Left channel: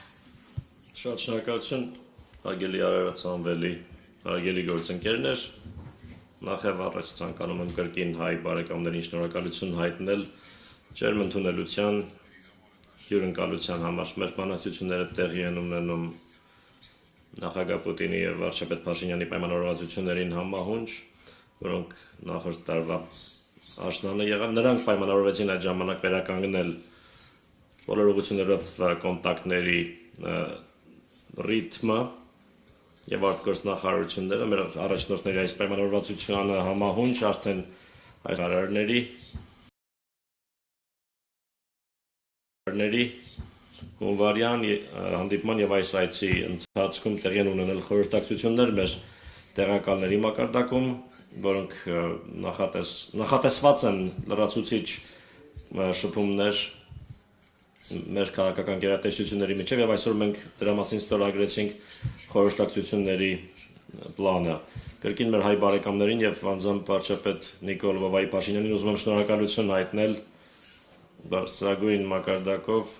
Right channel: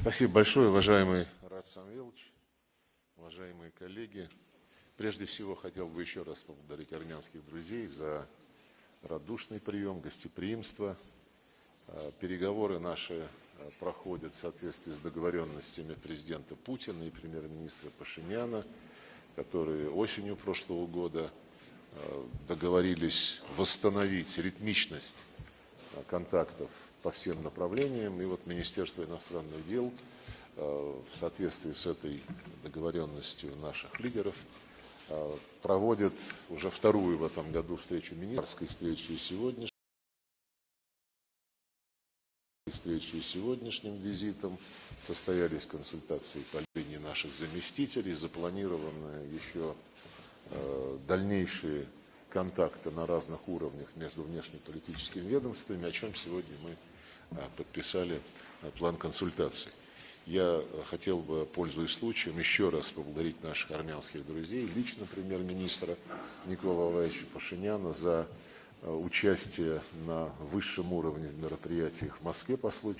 Спасибо большое, уважаемые. Շնորհակալություն, հարգելի արարածանվելի, հարգելի գործընկերներ, նախև առաջ ցանկանում եմ կրկին հայ բարեկամներին շնորհակալություն հայտնել ջերմ ընդունելության հյուրընկալության համար։ Մեր բանակցությունները տեղի են ունենում նախագահ Պուտինի և վարչապետ Փաշինյանի պայմանավորվածություններին համահունչ, որոնք նախորդ տարվա աշնանը եղան, նրանք պայմանավորվեցին այդ ժամանակ վերականգնել բոլոր ուղղություններով կոնտակտների ռիթմը եւ արտգործնախարարությունները մեր առաջնորդների այս պայմանավորվածությանը համահունչ արդեն այս հարարների հունվարյան հանդիպման եւ այս այցի ընթացքում տեղի են ունենել խորհրդակցություններ մեր տեղակալների մակարդակում, որոնք նախատեսված են լրացուցիչ շփումներ մեր քաղաքական գերատեսչությունների միջև եւ այսօր մենք դրա մասին ստորագրեցինք խորհրդակցությունների պլանը։ Կրկին մեր հայ բարեկամներին եւ անձամբ վարչապետ Նիկոլ Վովայի Փաշինյանին ուզում եմ շնորհակալություն հայտնել բարձրագույն մակարդակով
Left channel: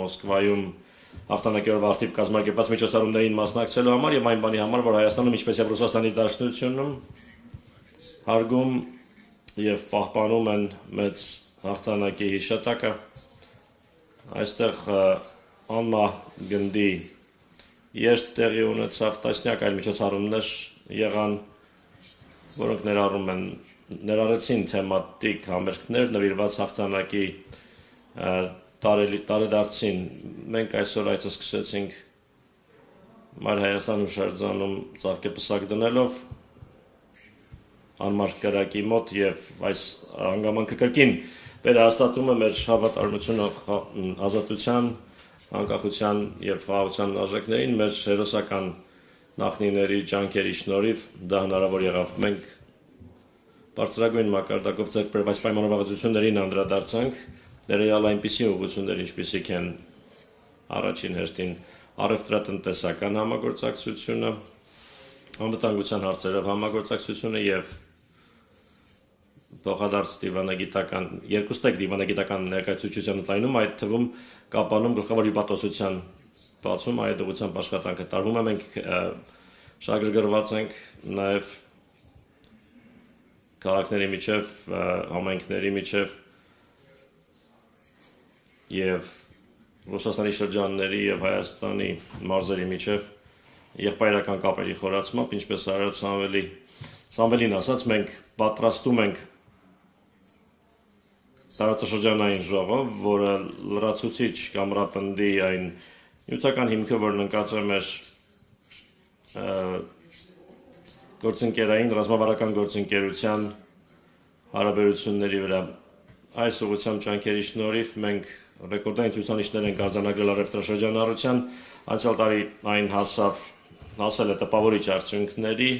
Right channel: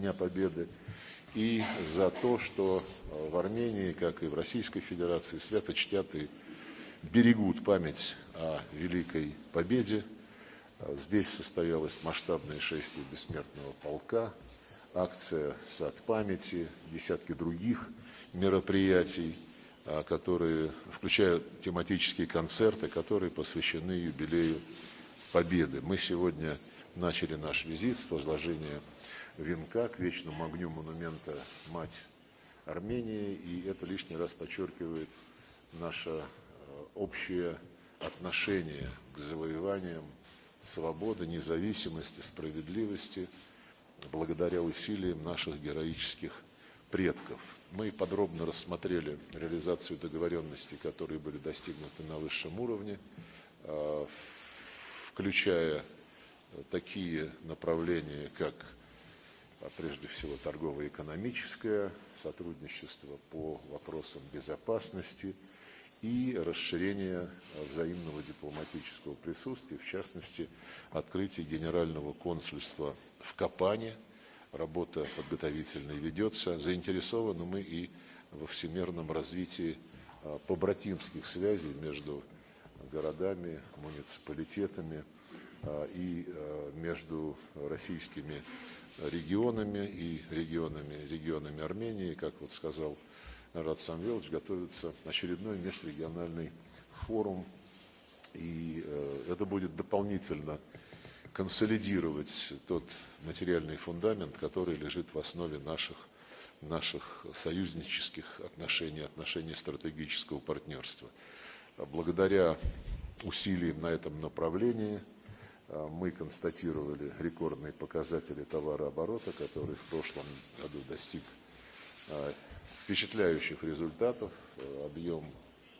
Մոսկվայում Հաղթանակերով ակտիվ կազմակերպված միջոցառումներին մասնակցելու համար եւ այն բանի համար, որ Հայաստանում ինչպես եւ Ռուսաստանի Դաշնությունում հարգում եւ պահպանում են մեծ հաղթանակի հիշատակը։ Այստեղ անմա գնդի երթ տեղի ունեցավ տասնյակ այլ միջոցառումներ եղան, որոնք ներառեցին թեմատիկ համերգներ նվիրված հաղթանակի տարեդարձին։ Մենք այսօր այցը սկսեցինք Մայր Հայաստան հուշարձանում ծաղկեպսակ դնելով անմարդ կրակի մոտ եւ այս հանգամանքը կրկին վերահաստատում է մեր հավատարմությունը ազատության, անկախության եւ խաղաղության արժեքներին, մեր հերոսական նախնիների ջանքերի շնորհիվ դա հնարավոր եղավ։ Մենք բարձրագույն մակարդակով ձեռք բերված պայմանավորվածություններին անդրադարձանք, ներառյալ այնպիսի ուղղություններ, ինչպիսիք են առաջին հերթին առևտրատնտեսական համագործակցությունը, անվտանգության հարցերով համագործակցությունը եւ փոխադարձ դիվանագիտական երկուստեք դիվանագիտական ներկայացուցչության ընդայնում, այդ թվում կապանում գլխավոր հյուպատոսության բացում այդ ուղղությամբ աշխատանքը տարվում է։ Մենք շահագրգռված ենք նաեւ քաղաքների միջև, համայնքների միջև եւ Ռուսաստանի շրջանների եւ Հայաստանի մարզերի միջև եղբայրական կապերի խորացմամբ, ինչպես արած Սամվելին ասաց, մենք պատրաստում ենք տարածաշրջանային ժողով, որը լրացուցիչ կամրապնդի այն նյութական հիմքը, որն ընկած է մեր գործընկերային ռազմավարական գործընկերության հարաբերությունների վրա։ Այս ուղղությամբ ջանքերի շնորհիվ մենք ռեկորդային ցուցանիշներ ենք արձանագրել առևտրաշրջանառության, անցյալ տարի այն հասել է տպավորիչ արդյունքների,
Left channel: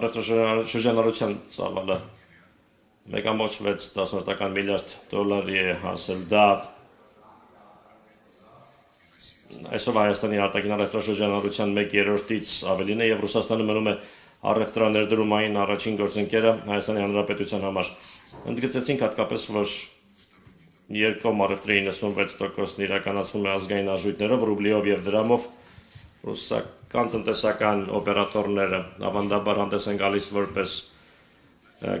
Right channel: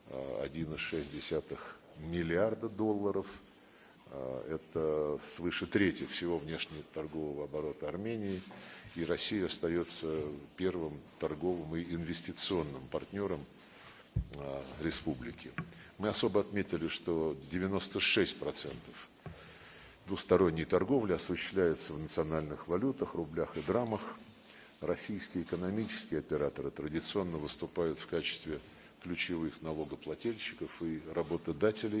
առևտրաշրջանառության ծավալը 1.6 միլիարդ դոլարի է հասել, դա այսօր Հայաստանի արտաքին առևտրաշրջանառության 1/3-ից ավելին է եւ Ռուսաստանը մնում է առևտրաներդրումային առաջին գործընկերը Հայաստանի Հանրապետության համար։ Ընդգծեցինք հատկապես, որ երկկողմ առևտրի 96%-ն իրականացվում է ազգային արժույթներով, ռուբլիով եւ դրամով։ Ռուսական տնտեսական օպերատորները ավանդաբար հանդես են գալիս որպես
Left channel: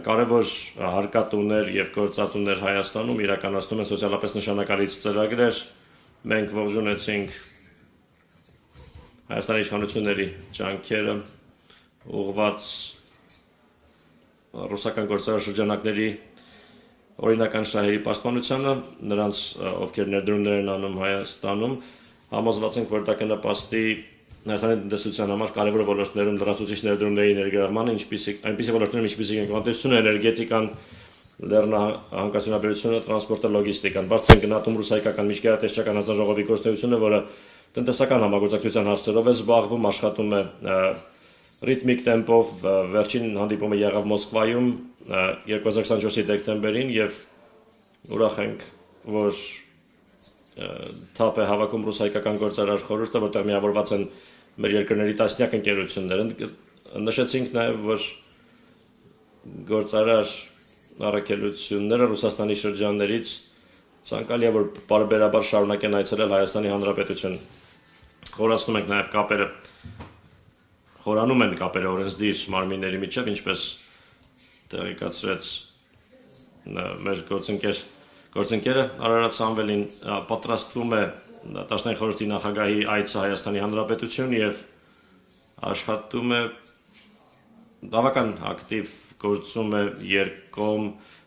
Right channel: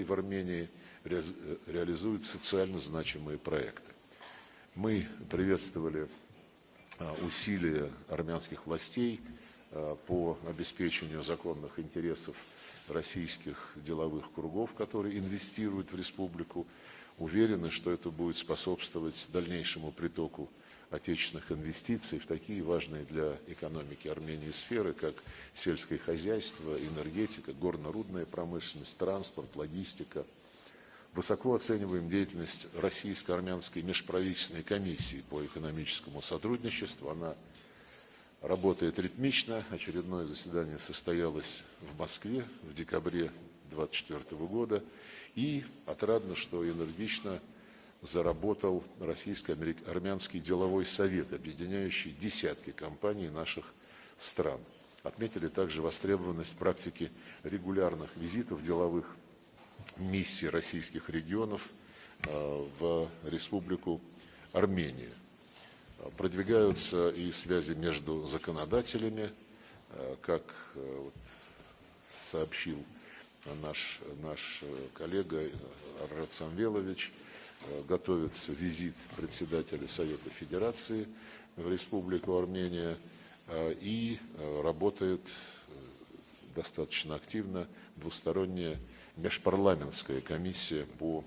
կարևոր հարկատուներ եւ գործատուներ Հայաստանում, իրականացնում են սոցիալապես նշանակալից ծրագրեր։ Մենք ողջունեցինք Հայաստանի իշխանությունների ջանքերը ուղղված ռուսական գործարար շրջանակների օրինական շահերի պաշտպանությանը, նրանց ովքեր ներդրումներ են անում Հայաստանում, համոզված ենք, որ դա կնպաստի Հայաստանի տնտեսության համար կարևոր ոլորտներում լրացուցիչ ներդրումների ներգրավմանը, այնպիսի ոլորտներում, ինչպիսիք են տնտեսությունը, էներգետիկան, լեռնահանգստությունաբերությունը, տրանսպորտը, լոգիստիկան։ Բարձր են գնահատում ռուսայական միջգերատեսչական հանձնաժողովի գործունեությունը, որը տնտեսական համագործակցության հարցերով է զբաղվում, աշխատում է ռիթմիկ տեմպով, վերջին հանդիպումը եղավ Մոսկվայում 2024-ի դեկտեմբերին եւ ուրախ ենք, որ թափ է հավաքում ռուսայական գործարար խորհուրդը, որտեղ միավորված են մեր երկրների տասնյակ ընկերություններ։ Նշեցինք նաեւ, որ գործարար առաքելությունները Ռուսաստանի շրջաններից ցանկալի է որ բարբերաբար շարունակեն այցելել Հայաստանի Հանրապետություն։ Խորացնում ենք նաև կապերը, խորանում են կապերը օրենսդիր մարմինների միջև, ինչպես տեղեկացրեց մեր գործընկերը Արարատ Սամվելին պատրաստվում է Դաշնային խորհրդի նախագահի այցը Հայաստանի Հանրապետություն եւ աշխատում է բավական ակտիվ գործում է երկկողմ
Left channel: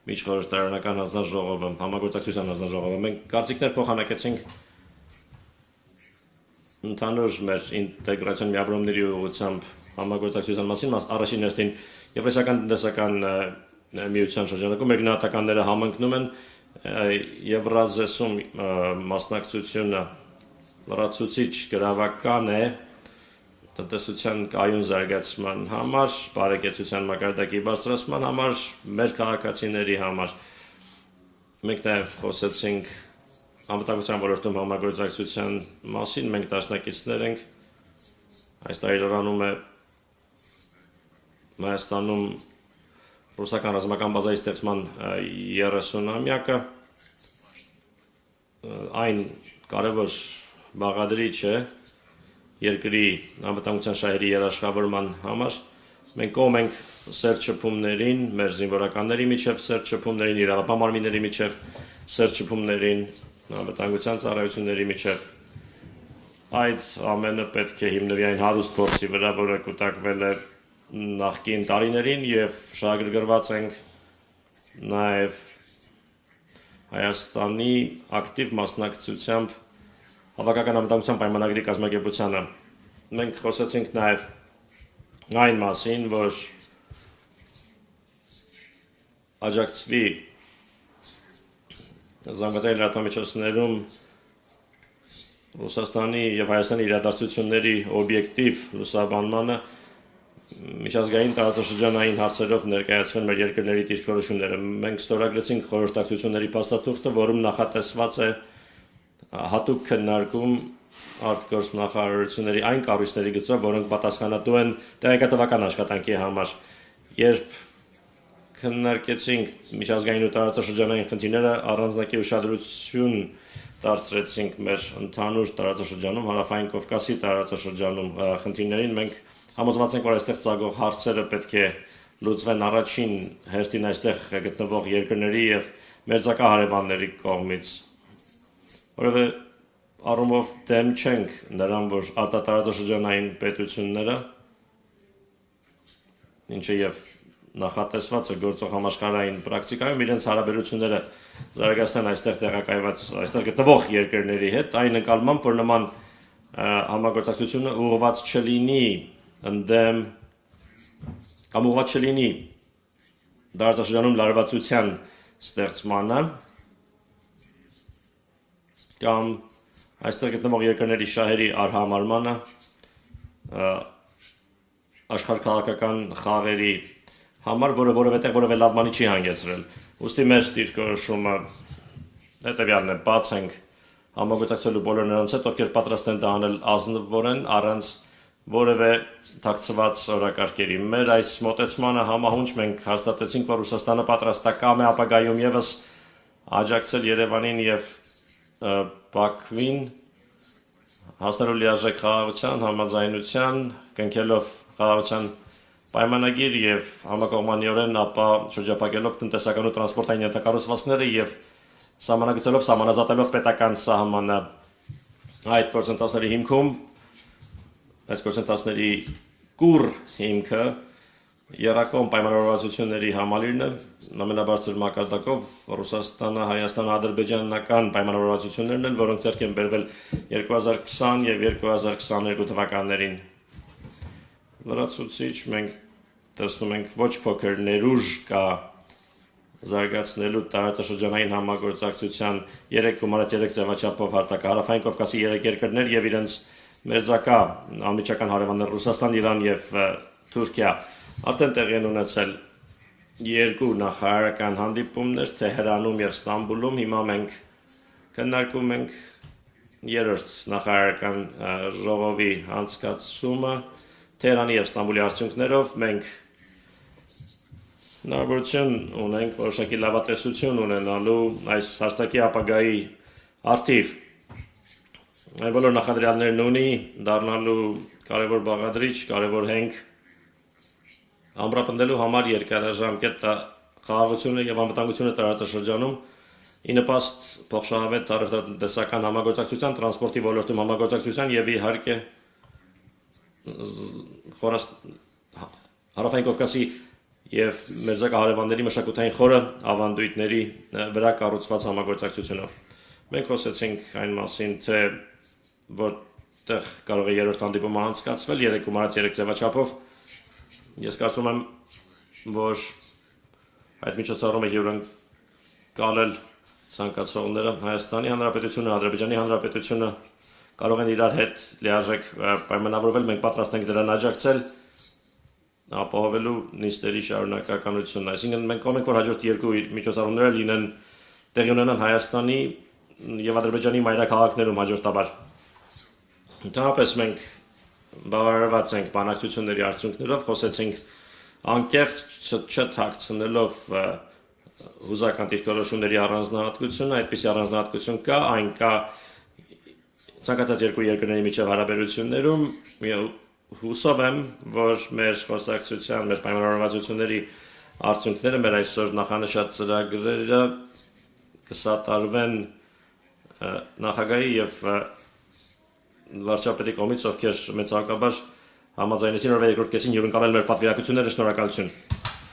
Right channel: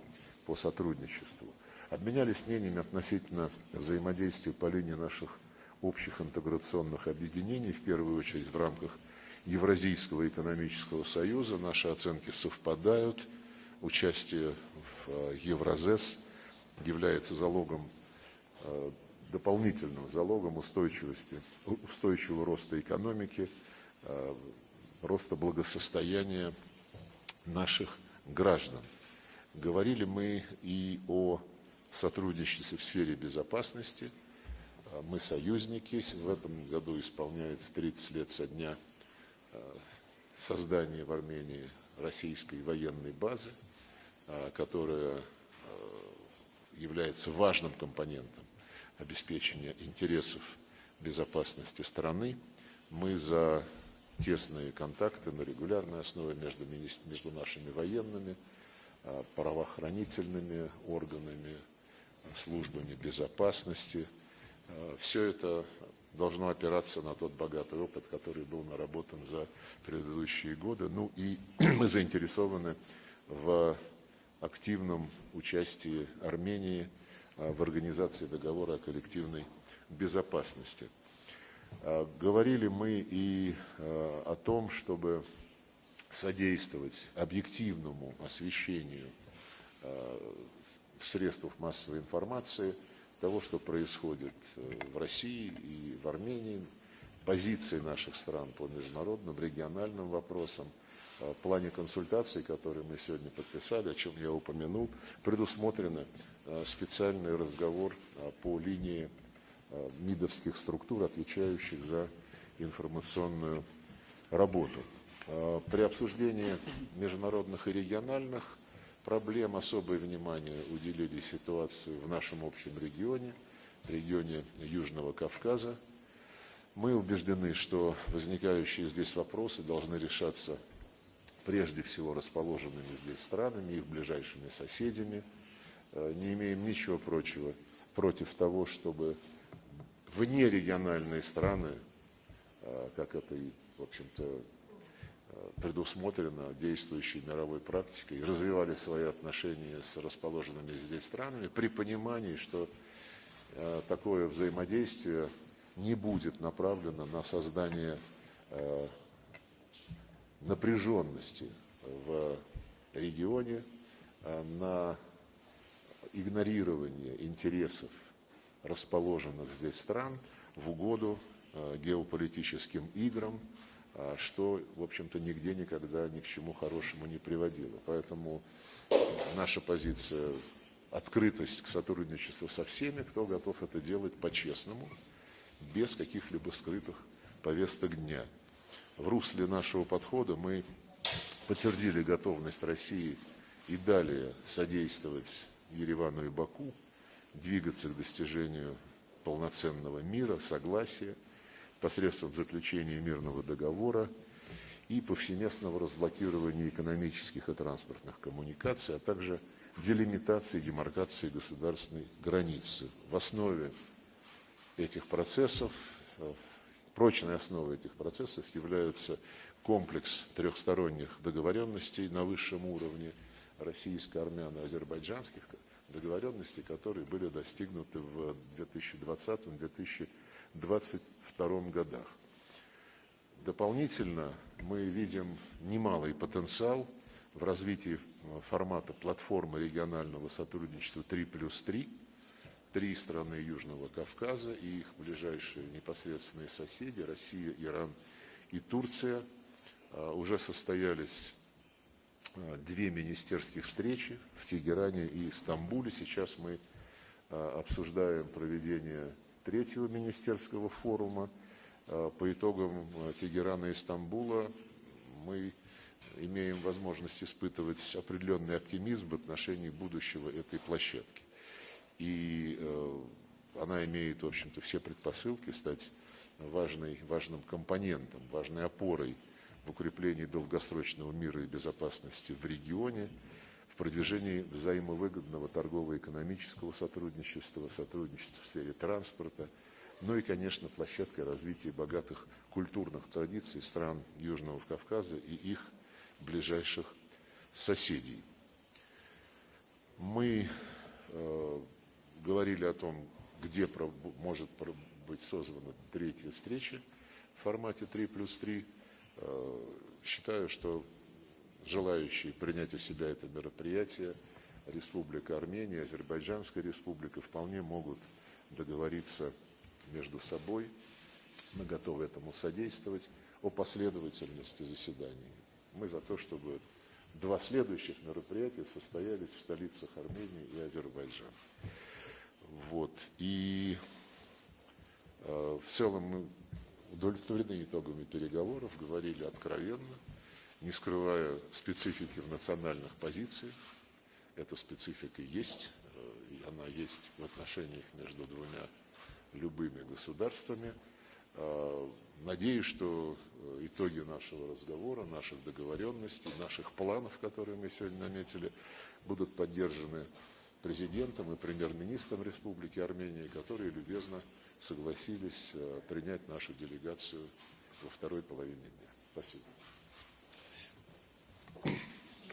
միջխորհրդարանական հանձնաժողովը, համագործակցության հանձնաժողովը։ Մենք կարծիքներ փոխանակեցինք ընդհանուր մեր ինտեգրացիոն միավորումների ուղղությամբ համագործակցության մասին, առաջին հերթին եվրասիական տնտեսական միության շրջանակում մեր գնահատականները համընկնում են Եվրազեսում մասնակցությունը լրացուցիչ գրավական է տնտեսության կայուն զարգացման համար, բարեկեցության մակարդակի բարձրացման համար, մեր քաղաքացիների համար։ Մենք նաև խոսեցինք անվտանգության ոլորտում համագործակցության մասին, մենք դաշնակիցներ ենք, այս տարիլրանում է Հայաստանում ռուսական ռազմական բազայի ստեղծման 30-ամյակը, այն կարևոր բաղադրիչ է երկրի անվտանգության շահերի երաշխավորման համար։ Մենք կողմ ենք սերտ շփումներին, մեր զինվորականների միջև սերտ շփումներին, իրավապահ մարմինների միջև սերտ շփումներին, անվտանգության ծառայությունների միջև։ Այդ ամենը պետք է հիմնվի այն հարուստ փորձի վրա, որը կուտակվել է նախկին տարիներին եւ շահագրգռված ենք նաեւ Հայաստանի ակտիվ մասնակցությամբ Հավաքական անվտանգության պայմանագրի կազմակերպությանը։ Մենք խոսեցինք նաեւ այն մասին, որ աջակցվի զանգվածային լրատվամիջոցներում Ռուսաստանի եւ Հայաստանի իրադարձությունների օբյեկտիվ լուսաբանմանը միջազգային տարածաշրջանային հարցերով ներկայացվել մեր երկրների դիրքորոշումները։ Մենք ստորագրեցինք խորհրդակցությունների փաստաթուղթը, որում նախատեսված է հատուկ քննարկում արտգործնախ նախարարությունների այն կառույցների գծով, որոնք պատասխանատու են տեղեկատվական աշխատանքի համար։ Երբ քննարկեցինք միջազգային ու տարածաշրջանային խնդիրները, առանձնակի ուշադրություն դարձրեցինք մեր ընդհանուր տարածաշրջանում, Հարավային Կովկասի տարածաշրջանում խնդիրներին։ Մենք համոզված ենք, որ այստեղ ծագող հարցերը պետք է լուծվեն առաջին հերթին այստեղ գտնվող երկրների եւ մերձակա հարևանների կողմից, որովհետեւ առումով դեմ չենք նրան, որ արտատարածաշրջանային պետությունները ինչը եւ նախատեսված է գործող համաշխարհային պրակտիկայում իրենց հարաբերությունները զարգացնեն այստեղ տեղակայված այստեղ գտնվող երկրների հետ, այն նկատմամբ, որ նման համագործակցությունը ուղղված չլինի ընդդեմ կամ ուղղված չլինի տարածաշրջանում լարվածության ստեղծմանը կամ այստեղ գտնվող երկրների շահերի արհամարմանը աշխարհքաղաքական խաղերի համար, որը որևէ լավ բանի չի հանգեցրել։ Ուստի մեր դիրքորոշումը հետևյալն է, բաց ենք համագործակցելու բոլոր նրանց հետ, ովքեր պատրաստ են դա անել ազնվորեն, առանց որևէ թաքցված օրակարգերի։ Մեր այս մոտեցմանը համահունչ մենք հաստատեցինք, որ Ռուսաստանը պատրաստակամ է ապագայում եւս աջակցել Երևանին եւ Բաքվին հասնելու լիարժեք խաղաղության, համաձայնության, կնքելով խաղաղության պայմանագիր եւ համակողմանիորեն ապա շրջափակելով տնտեսական ու տրանսպորտային ենթակառուցվածքները եւ սահմանագծելով սահմանազատելով պետական սահմանը։ Այդ գործընթացների հիմքում այս գործընթացների կուռ հիմքը երակոմ պայմանավորվածությունների համալիրն է, ամենաբարձր մակարդակով Ռուսաստանը, Հայաստանը, ադրբեջանական պայմանավորվածություններն են, որոնք ձեռք են բերվել 2020 եւ 2022 թվականներին։ Լրացուցիչ մենք տեսնում ենք ոչ փոքր ներուժ կա զարգացնելու տարածաշրջանային համագործակցության 3.3 ձևաչափով հարթակ Հարավային Կովկասի 3 երկրներ եւ իրենց մերձակա անմիջական հարևաններ Ռուսաստան, Իրան եւ Թուրքիա արդեն տեղի են ունեցել երկու նախարարական հանդիպումներ Թեհրանում եւ Ստամբուլում։ Հիմա մենք քննարկում ենք Երրորդ նախարարական ժողովի անցկացումը Թեհրանի և Ստամբուլի արդյունքներով մենք հնարավորություն ունենք որոշակի լավատեսություն ունենալու այս հաստակի ապագայի արդիվ այն բոլոր նախադրյալներն ունի դառնալու կարևոր բաղադրիչ, կարևոր հենք ամրապնդելու համար երկարաժամկետ խաղաղությունը և անվտանգությունը տարածաշրջանում ի նպաստ փոխշահավետ տնտեսական համագործակցության, տրանսպորտի ոլորտում համագործակցության և իհարկե Հարավային Կովկասի և մերձակա հարևանների մշակութային խորը ավանդույթների վրա կառուցված համագործակցությունը։ Մենք խոսեցինք այն մասին, թե որտեղ կարող է երրորդ հանդիպումը անցկացվել 3+3 ձևաչափով։ Ես կարծում եմ, որ այդ միջոցառումը հյուրընկալել ցանկացողները Հայաստանի Հանրապետությունը, Ադրբեջանի Հանրապետությունը կարող են իրար հետ լիարժեք պայմանավորվել, մենք պատրաստ ենք դրան աջակցել ապահովելու նիստերի շարունակականությունն, այսինքն մենք կողմ ենք, որ հաջորդ երկու միջոցառումները լինեն տեղի ունենան Հայաստանի և Ադրբեջանի մայրաքաղաքներում հաջորդաբար։ Ընդհանրապես մենք բավարարված ենք բանակցությունների արդյունքներով, խոսեցինք անկեղծ չթաքցնելով հուզական դիրքորոշումների առանձնահատկությունը, այդպիսի առանձնահատկություն կա, այն կա ցանկացած երկու երկրների միջև հարաբերություններում, հուսով եմ, որ մեր խոսակցության, մեր պայմանավորվածությունների արդյունքները, մեր այսօր նախանշած ծրագրերը կսատարվեն նախագահի և վարչապետի կողմից, ովքեր մեծահարկաբար համաձայնեցին օրվա երկրորդ կեսին հյուրընկալել մեր պատվիրակությունները, շնորհակալություն։